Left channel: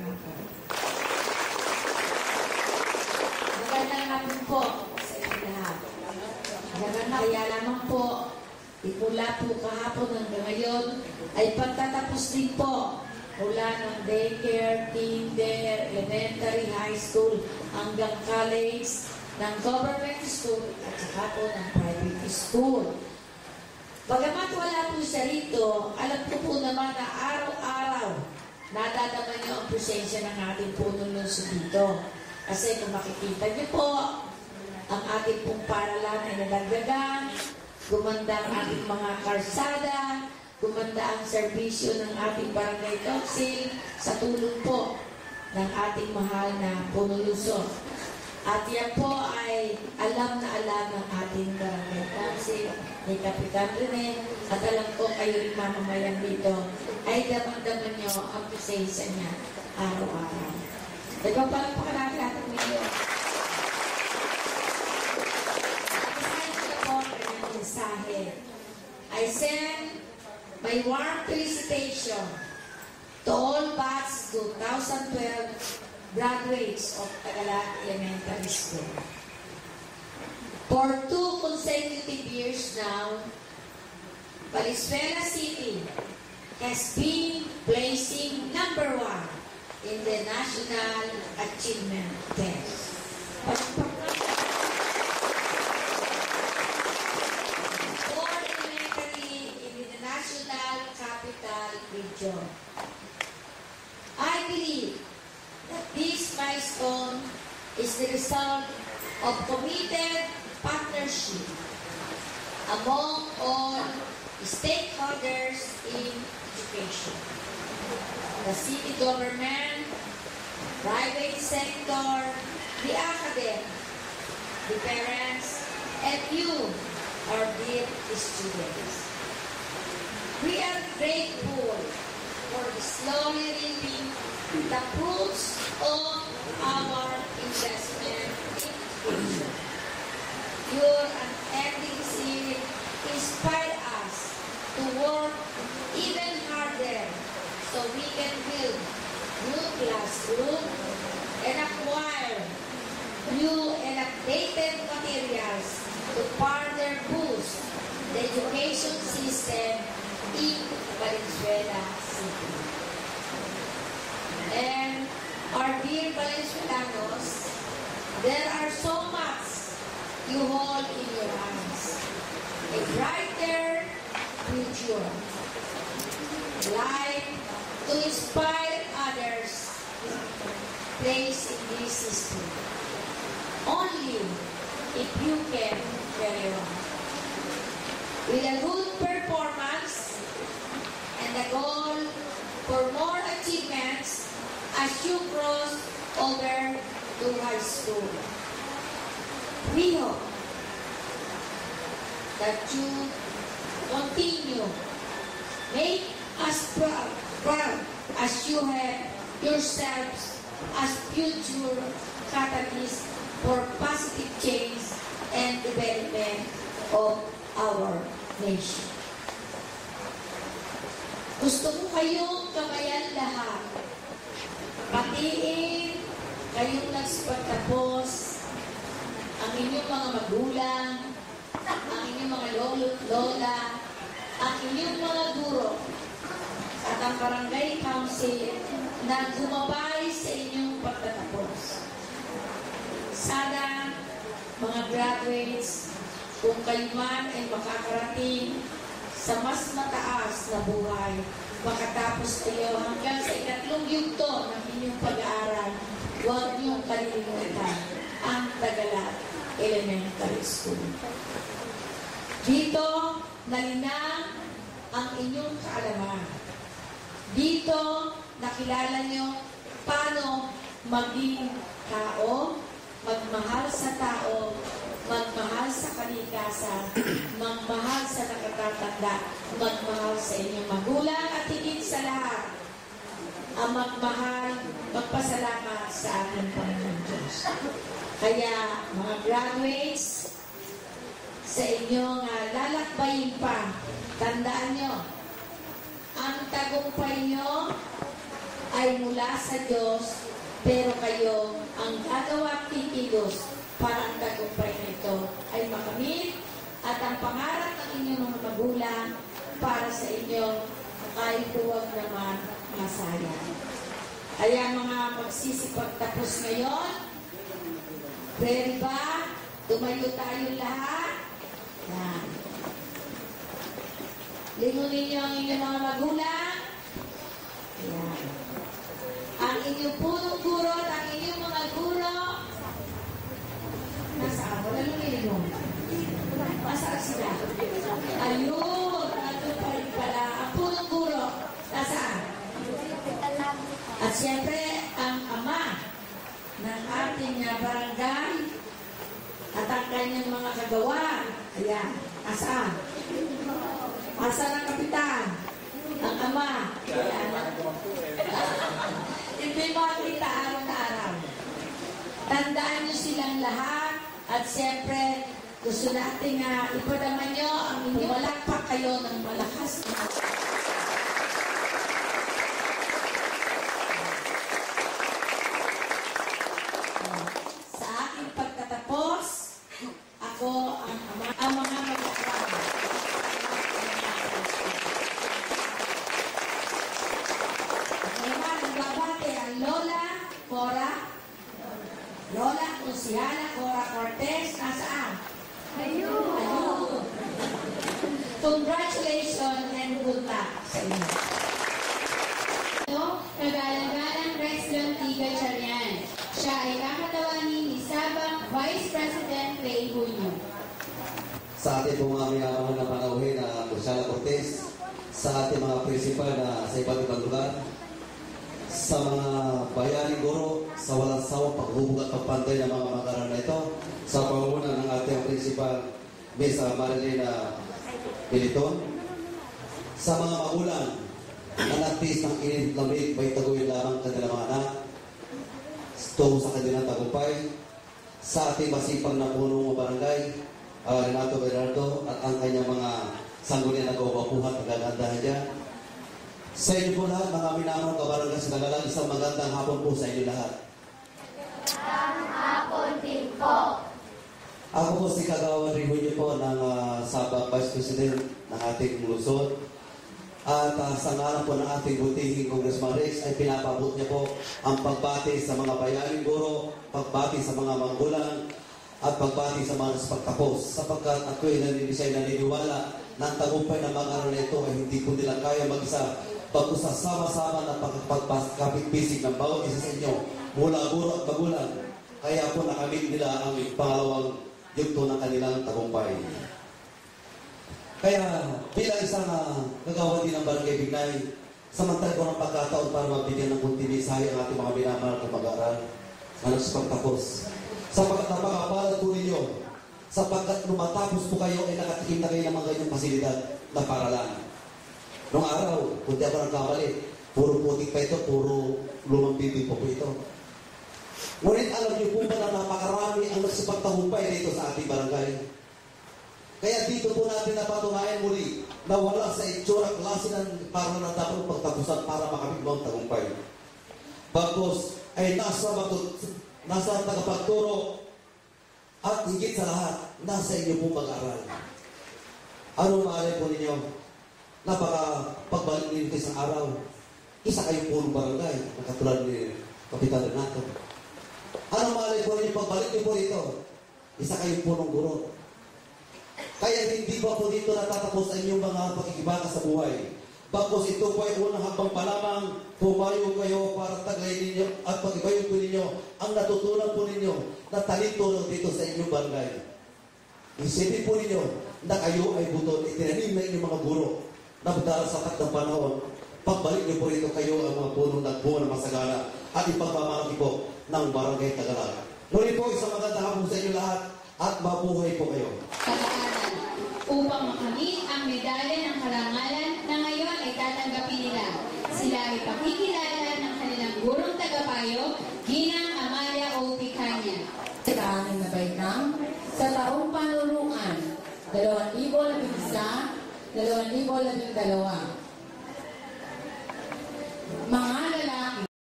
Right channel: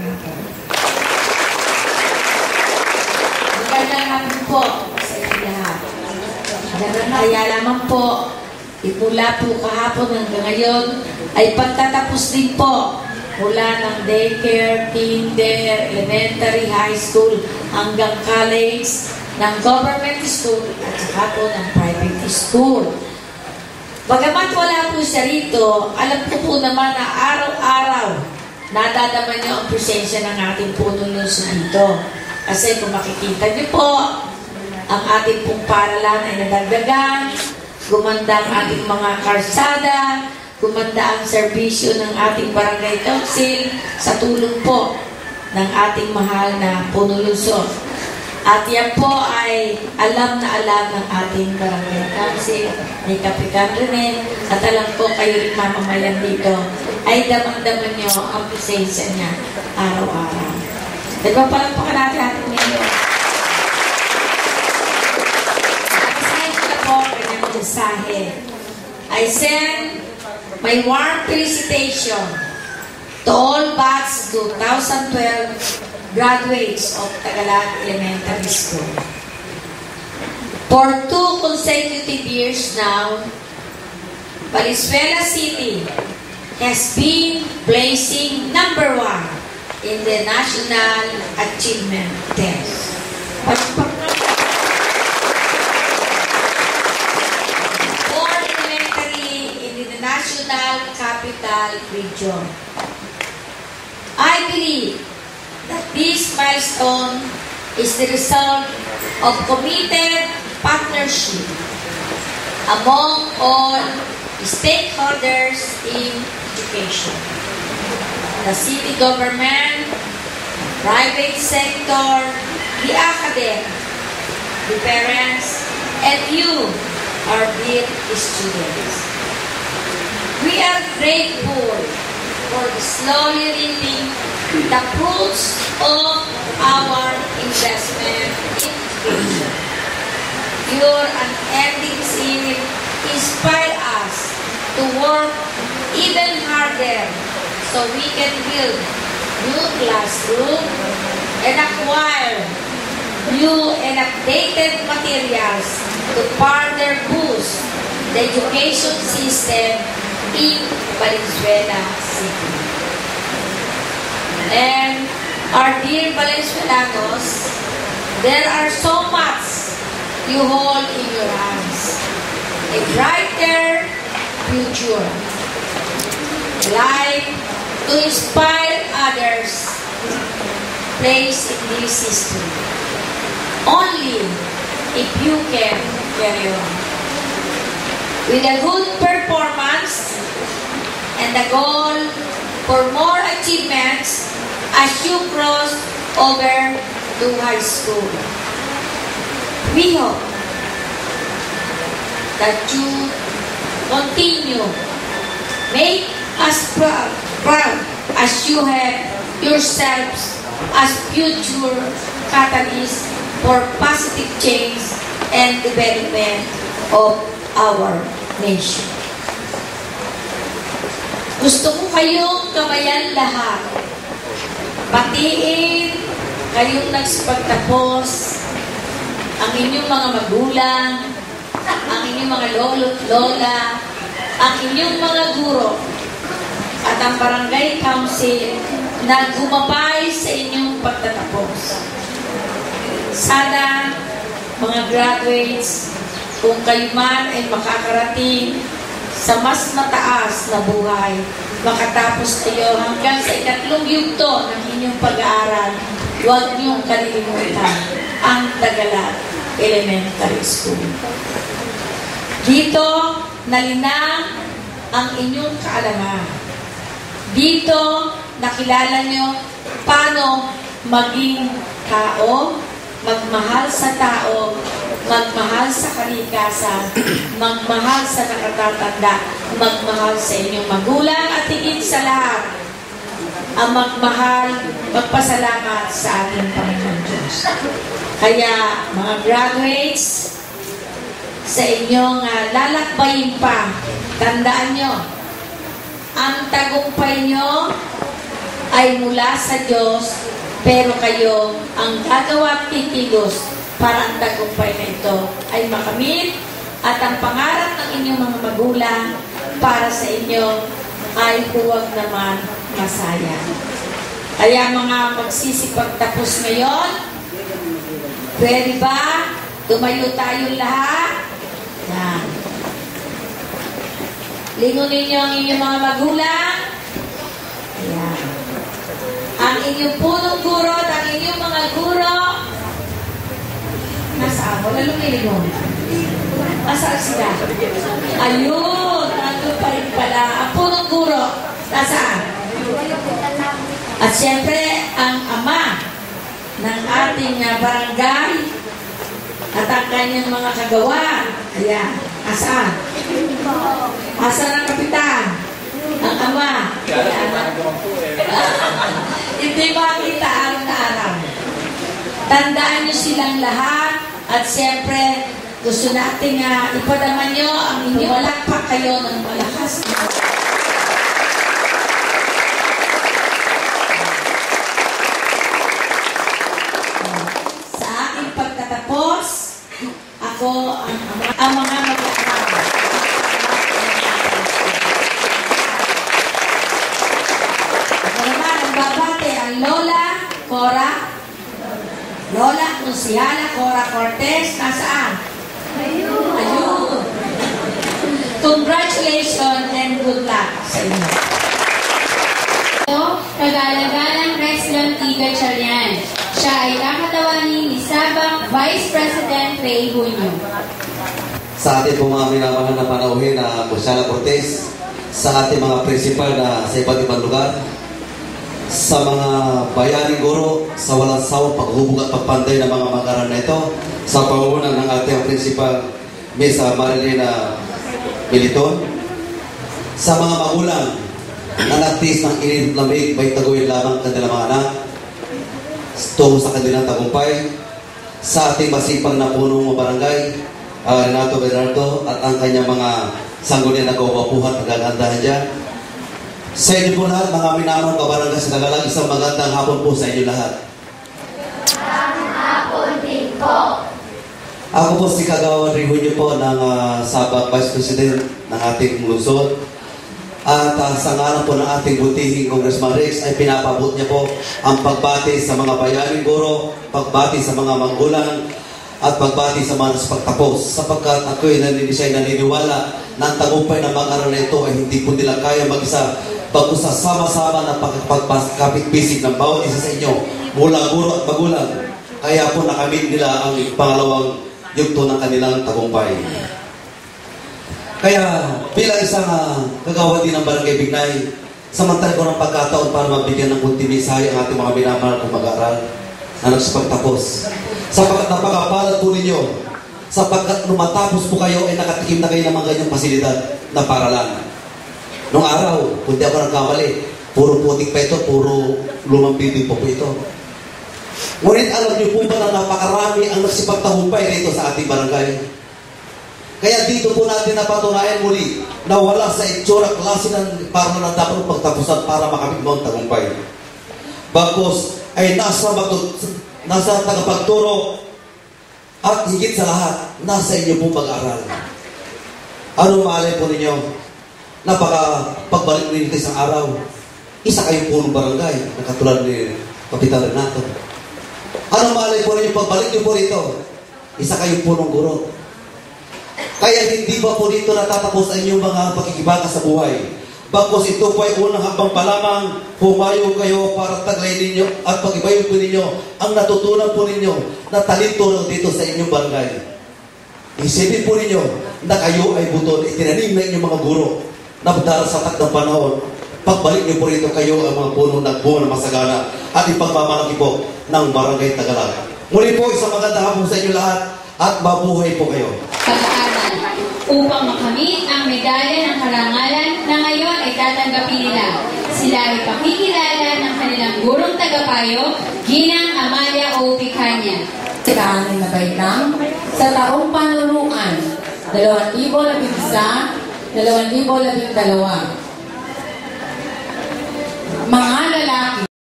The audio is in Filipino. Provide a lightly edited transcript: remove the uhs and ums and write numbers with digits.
natin. Magandang hapon po sa inyo lahat. Kaya lamang po, mula po kahapon hanggang ngayon, ay pagtatapos din po mula ng daycare, kinder, elementary, high school, hanggang college, ng government school, at saka po ng private school. Bagamat wala po siya rito, alam ko po naman na araw-araw nadadaman niyo ang presensya ng ating punong Luzon dito. Kasi kung makikita niyo po, ang ating pong paralan ay nadagdagan, gumanda ang ating mga karsada, gumanda ang serbisyo ng ating barangay council sa tulong po ng ating mahal na punong Luzon. At yan po ay alam na alam ng ating barangay council, ni Kapitan Rene, at alam ko kayo rin mamamayan dito, ay damang-daman nyo ang presensya niya araw-araw. Nagpapalampakan natin ating ngayon. Nakasahin ko na po ang kanyang mensahe. I send my warm felicitation to all batch 2012 graduates of Tagalog Elementary School. For 2 consecutive years now, Valenzuela City has been placing #1 in the National Achievement Test. For elementary in the National Capital Region. I believe that this milestone is the result of committed partnership among all stakeholders in education. The city government, private sector, the academic, the parents, and you, our dear students. We are grateful for the slowly reaping the fruits of our investment in education. Your unending zeal inspire us to work even harder so we can build new classroom and acquire new and updated materials to further boost the education system in Valenzuela City. And our dear Valenzuelanos, there are so much you hold in your hands. A brighter future. Life to inspire others. Place in this history. Only if you can carry on. With a good performance and the goal for more achievements as you cross over to high school. We hope that you continue, make us proud as you have yourselves as future catalysts for positive change and development of our nation. Gusto ko kayong kabayan lahat. Batiin kayong nagpagtapos, ang inyong mga magulang, ang inyong mga lolo't lola, ang inyong mga guro, at ang barangay council na gumabay sa inyong pagtatapos. Sana, mga graduates, kung kayo man ay makakarating sa mas mataas na buhay, makatapos kayo hanggang sa 3 yugto ng inyong pag-aaral, huwag niyong kalilimutan ang Tagalog Elementary School. Dito, nalinang ang inyong kaalaman. Dito, nakilala niyo paano maging tao, magmahal sa tao, magmahal sa kalikasan, magmahal sa nakatatanda, magmahal sa inyong magulang, at higit sa lahat, ang magmahal, magpasalamat sa ating Panginoon Diyos. Kaya, mga graduates, sa inyong lalakbayin pa, tandaan nyo, ang tagumpay nyo ay mula sa Diyos, pero kayo ang gagawa at kikilos para ang tagumpay na ito ay makamit at ang pangarap ng inyong mga magulang para sa inyo ay huwag naman masayang. Kaya mga magsisipagtapos ngayon, pwede ba? Tumayo tayong lahat. Yan. Lingunin niyo ang inyong mga magulang. Yan. Ang inyong punong guro at ang inyong mga guro. Nasaan? Wala lumilingon. Nasaan sila? Ayun! Nandun pa rin pala. Ang punong guro. Nasaan? At siyempre, ang ama ng ating barangay at ang kanyang mga kagawa. Ayan. Asaan? Asaan ang kapitan? Ang ama. Hindi makita araw-araw. Tandaan niyo silang lahat at siyempre gusto natin ipadama niyo ang inyong malakpak kayo ng malakas. Sa aking pagtatapos, ako ang mga mag-aaral. Ako naman ang babate ang Lola Cora. Lola Consihala Cora Cortez. Nasaan? Ayun. Congratulations and good luck sa inyo. Kagalagang President Tiga Charian. Siya ay kakatawanin ni Sabang Vice President Ray Junio. Sa ating po mga minamahal na panauhin na Consihala Cortez, sa ating mga prinsipal na sa iba't ibang lugar, sa mga bayaning guro, sa walang sawang paghubog at pagpanday ng mga mag-aral na ito, sa pangunguna ng ating prinsipal, Miss Marilena Militon, sa mga magulang na nagtiis ng init lamig, may taguin lamang kanilang mga anak, tungo sa kanilang tagumpay, sa ating masipag na punong barangay, Renato Bernardo, at ang kanyang mga sanggunian na kawapuhan at gagandahan dyan. Sa inyo po lahat, mga minamang kabarangay sa Tagalag, isang magandang hapon po sa inyo lahat. Magandang hapon din po. Ako po si Kagawan Ray Junio po ng Sabang Vice President ng ating lungsod. At sa ngalan po ng ating butihing Congressman Rex ay pinapabot niya po ang pagbati sa mga bayaning guro, pagbati sa mga magulang, at pagbati sa mga nasipagtapos. Sapagkat ako'y naniniwala na ang tagumpay ng mag-aral na ito ay hindi po nila kaya mag-isa bago sa sama-sama na pagkapit-bisig ng bawat isa sa inyo mula guro at magulang. Kaya po nakamit nila ang pangalawang yugto ng kanilang tagumpay. Kaya bilang isang kagawa din ng Barangay Bignay, samantala ko ng pagkataon para mabigyan ng kunti mensahe ang ating mga minamahal kong mag-aaral na nagsipagtapos. Sapagkat napakapalad po ninyo, sapagkat nung matapos po kayo ay nakatikim na kayo ng mga ganyang pasilidad na paralan. Noong araw, kung di ako nagkamali, puro putik pa ito, puro lumang bibig po ito. Ngunit alam niyo po ba na napakarami ang nagsipagtahumpay rito sa ating barangay? Kaya dito po natin napatunayan muli na wala sa itsura klase ng para na dapat pagtapusan para makamit mo ang tagumpay. Bagkus ay nasa tagapagturo at higit sa lahat, nasa inyo pong mag-aral. Ano maalay po ninyo? Pagbalik ninyo isang araw, isa kayong punong barangay na katulad ni Kapitan Renato. Ano maalay po ninyo? Pagbalik niyo po rito, isa kayong punong guro. Kaya hindi ba po dito natatapos ang inyong mga pagkikibaka sa buhay? Bagkus ito po ay unang hambang pa lamang, pumayo kayo para taglay ninyo at pag-ibayo po ninyo ang natutunan po ninyo na talento dito sa inyong barangay. Isipin po ninyo na kayo ay buton, itinanim na inyong mga guro na darasatak ng panahon. Pagbalik niyo po rito kayo ang mga puno nagbunga na masagana at ipagmamalaki po ng Barangay Tagalag. Muli po isang magandang hapon sa inyo lahat at mabuhay po kayo. Pag-aaral upang makamit ang medalya ng karangalan na ngayon ay tatanggapin nila. Sila ay pakikilala ng kanilang gurong tagapayo, Ginang Amalia O. Picanya. Siraan na baitang sa taong panunuan 2011, 2012. Mga